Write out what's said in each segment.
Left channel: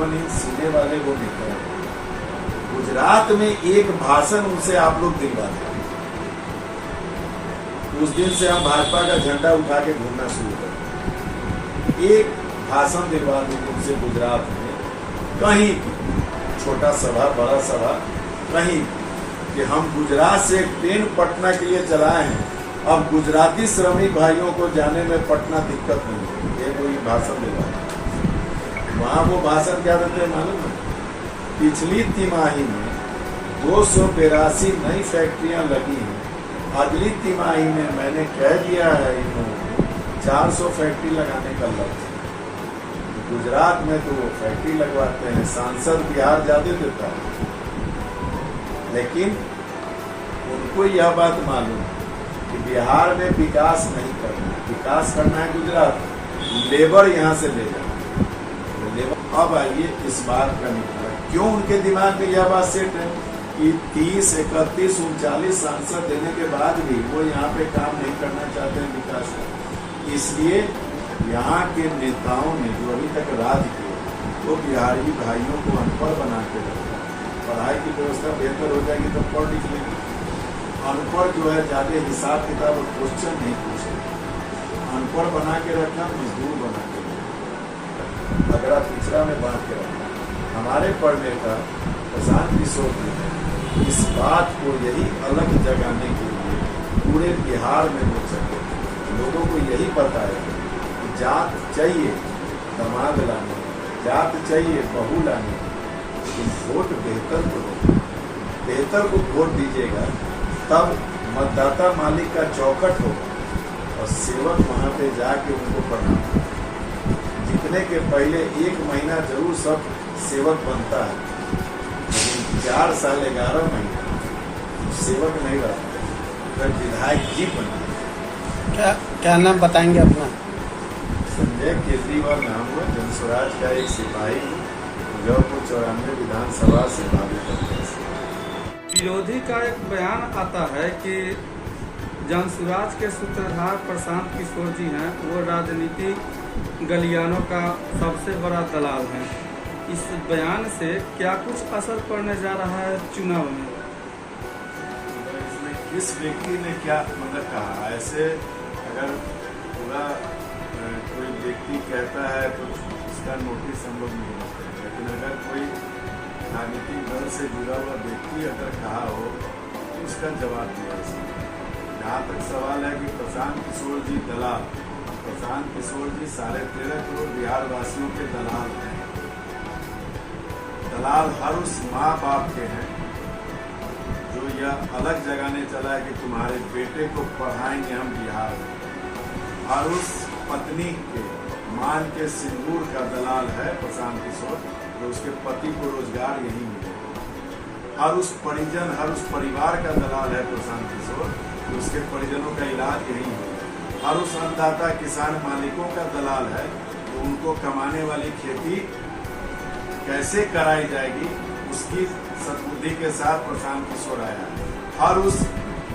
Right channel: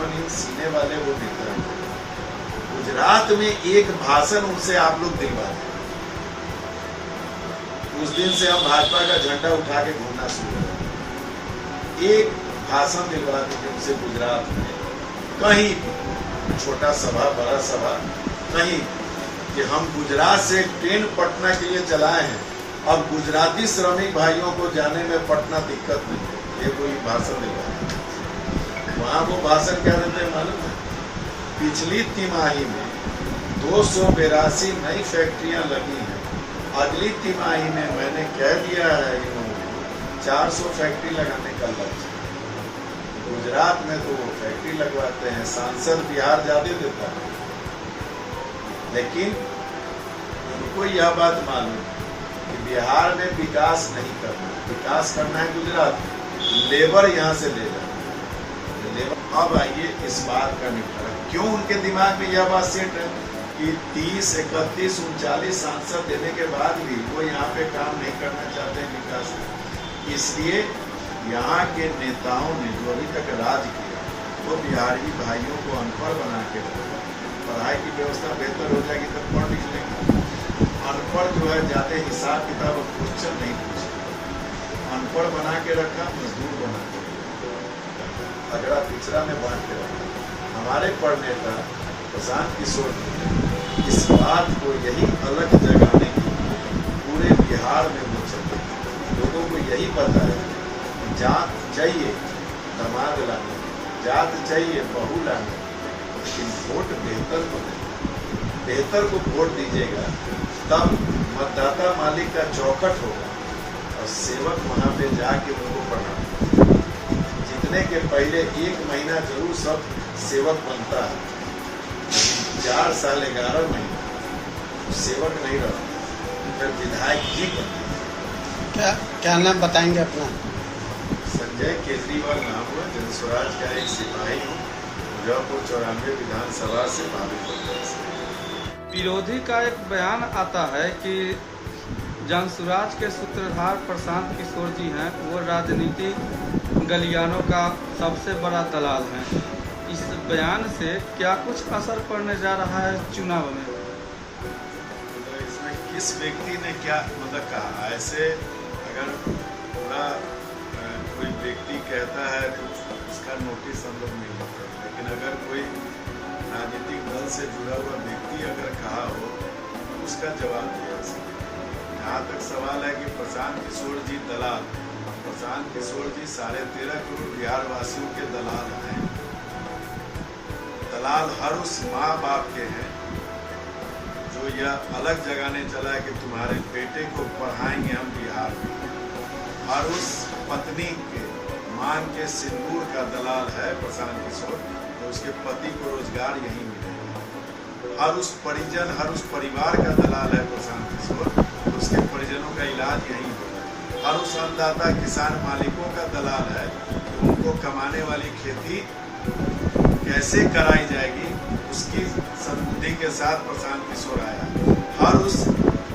55 inch सीने वाले वो नेता हैं। गुजरात में एक भाषण उनसे आप लोग दिलवा दें, उस दिन से हम भाजपा का झंडा उठा के घूमना शुरू कर। एक भाषण दिलवा दीजिए उनसे गुजरात में, कहीं छोटा सभा बड़ा सभा कहीं, कि हम गुजरात से एक ट्रेन पटना के लिए चलाए हैं, अब गुजराती श्रमिक भाइयों को जाने में पटना दिक्कत नहीं है। ये कोई भाषण दिलवा, वहाँ वो भाषण क्या देते हैं मालूम है? पिछली तिमाही में 282 नई फैक्ट्रियां लगी हैं, अगली तिमाही में मैंने कह दिया है इन्होंने 400 फैक्ट्री लगाने का लक्ष्य। गुजरात में तो वो फैक्ट्री लगवाते हैं, सांसद बिहार ज्यादा देता है, लेकिन उनको यह बात मालूम है कि बिहार में विकास नहीं करना है, विकास करना है गुजरात, लेबर यहाँ से ले जाना। अब आइए इस बात का निपटारा, क्यों उनके दिमाग में यह बात सेट है कि 30, 31, 39 सांसद देने के बाद भी वो यहाँ पे काम नहीं करना चाहते हैं विकास में। इसलिए यहाँ के नेताओं ने जो अभी तक राज किया वो बिहारी भाइयों को अनपढ़ बना के रखा। पढ़ाई की व्यवस्था बेहतर हो जाएगी तब पढ़ लिख लेंगे। अनपढ़ जो है ज्यादा हिसाब किताब और क्वेश्चन नहीं पूछे, अनपढ़ बना के रखा, मजदूर बना के रखा, अगड़ा पिछड़ा में बांट के रखा। हमारे पढ़ने का प्रशांत किशोर ने इस बात को यही अलग जगाने के लिए पूरे बिहार में वो चले, लोगों को यही बताया कि जात चाहिए दामाद लाने, जात चाहिए बहू लाने, लेकिन वोट बेहतर को देना, बेहतर को वोट दीजिएगा तब मतदाता मालिक का चौखट होगा और सेवक वहाँ पे जाके उनको पढ़ाना। जीतने के पहले 1 महीना जरूर सब सेवक बनता है, लेकिन 4 साल 11 महीना तो सेवक नहीं रहता, फिर विधायक जी बनता। क्या नाम बताएंगे अपना? संजय केजरीवाल नाम हुआ, जनस्वराज का एक सिपाही हूँ, मुजफ्फरपुर 94 विधानसभा से भावी पद से। विरोधी का एक बयान आता है कि जनस्वराज के सूत्रधार प्रशांत किशोर जी हैं, वो राजनीति गलियानों का सबसे बड़ा दलाल है। इस बयान से क्या कुछ असर पड़ने जा रहा है चुनाव में? इसमें किस व्यक्ति ने क्या मतलब कहा? ऐसे अगर पूरा कोई व्यक्ति कहता है तो उसका नोटिस हम लोग नहीं लेते, लेकिन अगर कोई राजनीतिक दल से जुड़ा हुआ व्यक्ति अगर कहा हो तो उसका जवाब दिया। जहाँ तक सवाल है कि प्रशांत किशोर जी दलाल, प्रशांत किशोर जी 13.5 करोड़ बिहार वासियों के दलाल हैं। दलाल हर उस माँ बाप के हैं जो यह अलग जगाने चला है कि तुम्हारे बेटे को पढ़ाएंगे हम बिहार में। हर उस पत्नी के मांग के सिंदूर का दलाल है प्रशांत किशोर, तो उसके पति को रोजगार यहीं मिलेगा। हर उस परिजन, हर उस परिवार का दलाल है प्रशांत किशोर, तो उसके परिजनों का इलाज यहीं होगा। हर उस अन्नदाता किसान मालिकों का दलाल है, तो उनको कमाने वाली खेती कैसे कराई जाएगी उसकी सद्बुद्धि के साथ प्रशांत किशोर आया है। हर उस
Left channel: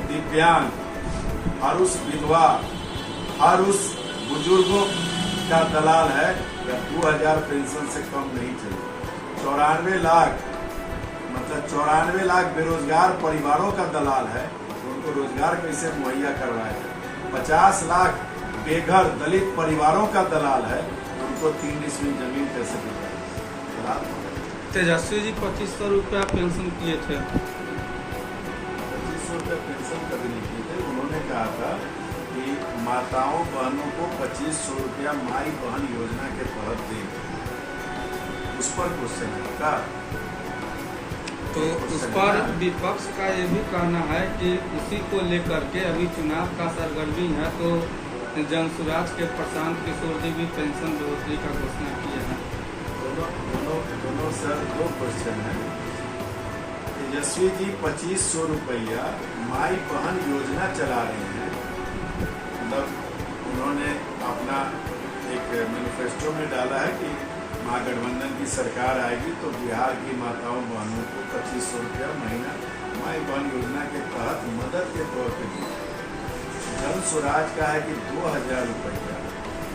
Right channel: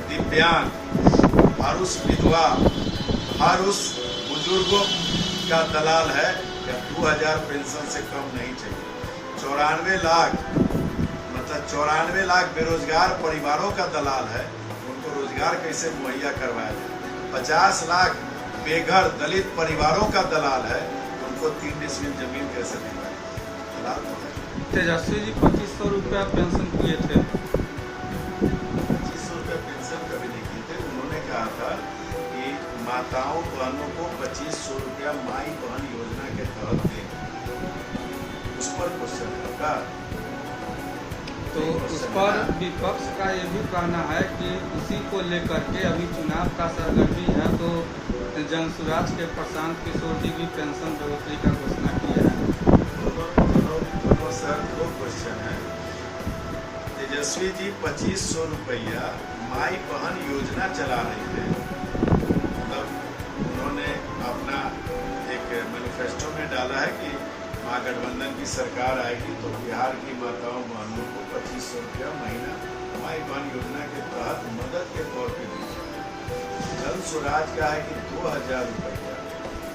दिव्यांग, हर उस विधवा, हर उस बुजुर्गों का दलाल है। या 2000 पेंशन से कम नहीं चाहिए। 94 लाख मतलब 94 लाख बेरोजगार परिवारों का दलाल है, उनको रोजगार कैसे मुहैया करवाया जाए। 50 लाख बेघर दलित परिवारों का दलाल है, उनको 3 डिसमिल जमीन कैसे मिल जाए। दलाल तो है। तेजस्वी जी 2500 रुपया पेंशन किए थे। 2500 रुपया पेंशन कभी नहीं किए थे। उन्होंने कहा था कि माताओं बहनों को 2500 रुपया माई बहन योजना के तहत देंगे। उस पर क्वेश्चन है का, तो उस पर विपक्ष का ये भी कहना है कि उसी को लेकर के अभी चुनाव का सरगर्मी है, तो जनस्वराज के प्रशांत किशोर जी भी पेंशन बढ़ोतरी का घोषणा किया है। दोनों सर 2 क्वेश्चन है। तेजस्वी जी 2500 रुपया माई बहन योजना चला रहे हैं, मतलब उन्होंने अपना एक मैनिफेस्टो में डाला है कि महागठबंधन की सरकार आएगी तो बिहार की माताओं बहनों को 2500 रुपया महीना माई बहन योजना के तहत मदद के तौर पर दी जाए। जनस्वराज का है कि 2000 रुपया,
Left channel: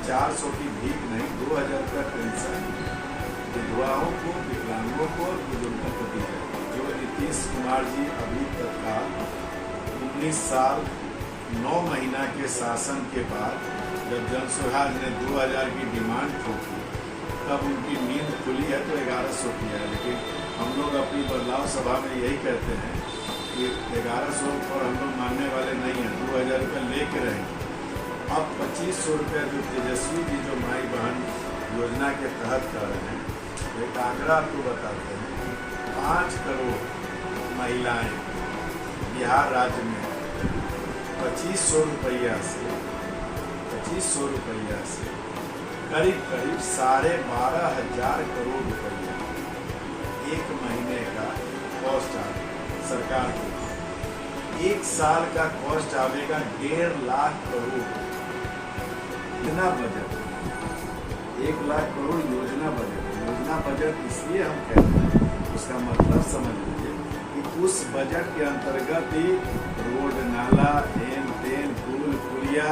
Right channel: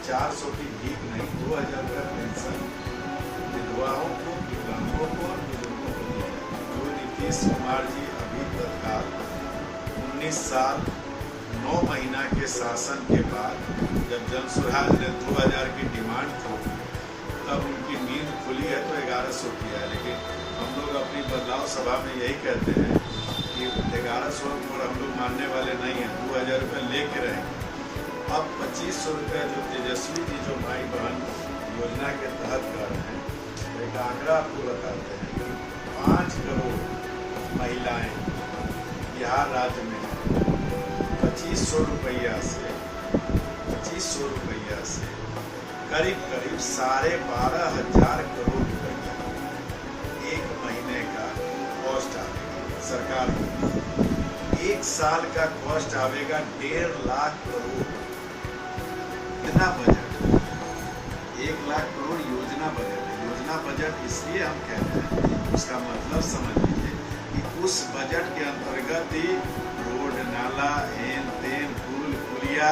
400 की भीख नहीं, 2000 रुपया पेंशन विधवा विधवाओं को, विकलांगों को और बुजुर्गों को दी जाती है। जो नीतीश कुमार जी अभी तत्काल 19 साल 9 महीना के शासन के बाद जब जनसुराज ने 2000 की डिमांड ठोकी तब उनकी नींद खुली है तो 1100 की है। लेकिन हम लोग अपनी बदलाव सभा में यही कहते हैं कि 1100 पर हम लोग मानने वाले नहीं हैं, 2000 रुपये लेके रहेंगे। अब 2500 रुपये जो तेजस्वी जी जो माई बहन योजना के तहत कर रहे हैं, तो एक आंकड़ा आपको बताते हैं कि 5 करोड़ महिलाएं बिहार राज्य में 2500 रुपया से करीब 12,500 करोड़ रुपया एक महीने का कॉस्ट आएगा सरकार को। 1 साल का कॉस्ट आवेगा 1.5 लाख करोड़। इतना बजट 1 लाख करोड़ योजना बजट है। योजना बजट इसलिए हम कहते हैं, उसका मतलब समझ लीजिए कि उस बजट के अंतर्गत ही रोड, नाला, हेन तेन, पुल पुलिया,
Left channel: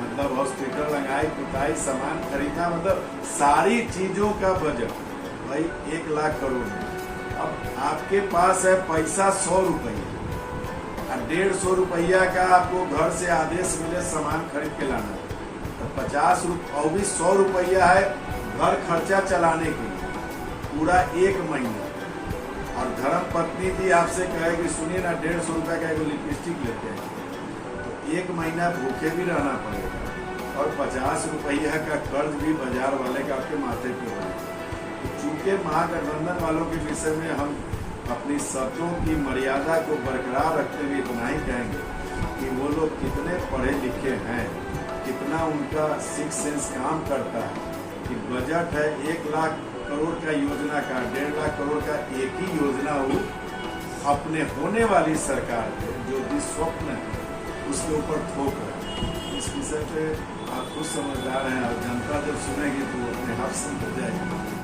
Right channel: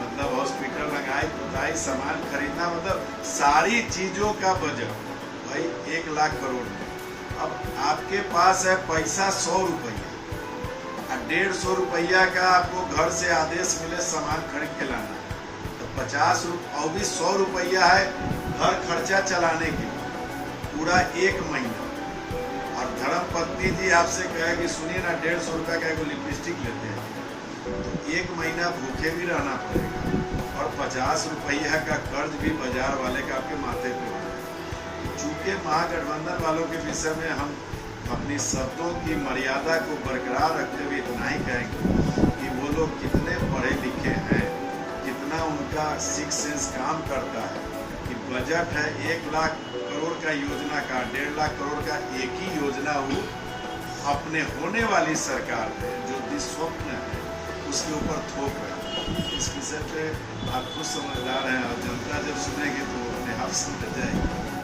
मतलब हॉस्पिटल, रंगाई पुताई, सामान खरीदना, मतलब सारी चीजों का बजट भाई 1 लाख करोड़ में। अब आपके पास है पैसा 100 रुपया और 150 रुपया का आपको घर से आदेश मिले सामान खरीद के लाना, तो 50 रुपये और भी 100 रुपया है घर खर्चा चलाने के लिए पूरा 1 महीना। और धर्म पत्नी जी आपसे कहेगी सुनिए ना 150 रुपया का एगो लिपस्टिक लेते हैं, तो 1 महीना भूखे भी रहना पड़ेगा और 50 रुपया का कर्ज भी बाजार वाले का आपके माथे पे हो। चूंकि महागठबंधन वालों के विषय में हम अपनी शब्दों की मर्यादा को बरकरार रखते हुए इतना ही कहेंगे कि वो लोग कितने पढ़े लिखे हैं, कितना उनका सिक्स सेंस काम करता है कि बजट है 1 लाख करोड़ का योजना का 1.5 लाख करोड़ का एक ही योजना हो अपने होने वाली सरकार पे जो भी स्वप्न है उसके ऊपर थोप रहे हैं। इस विषय पे आप खुद समझदार हैं और जनता जब सुनेगी तो वो अपने आप समझ जाएगी।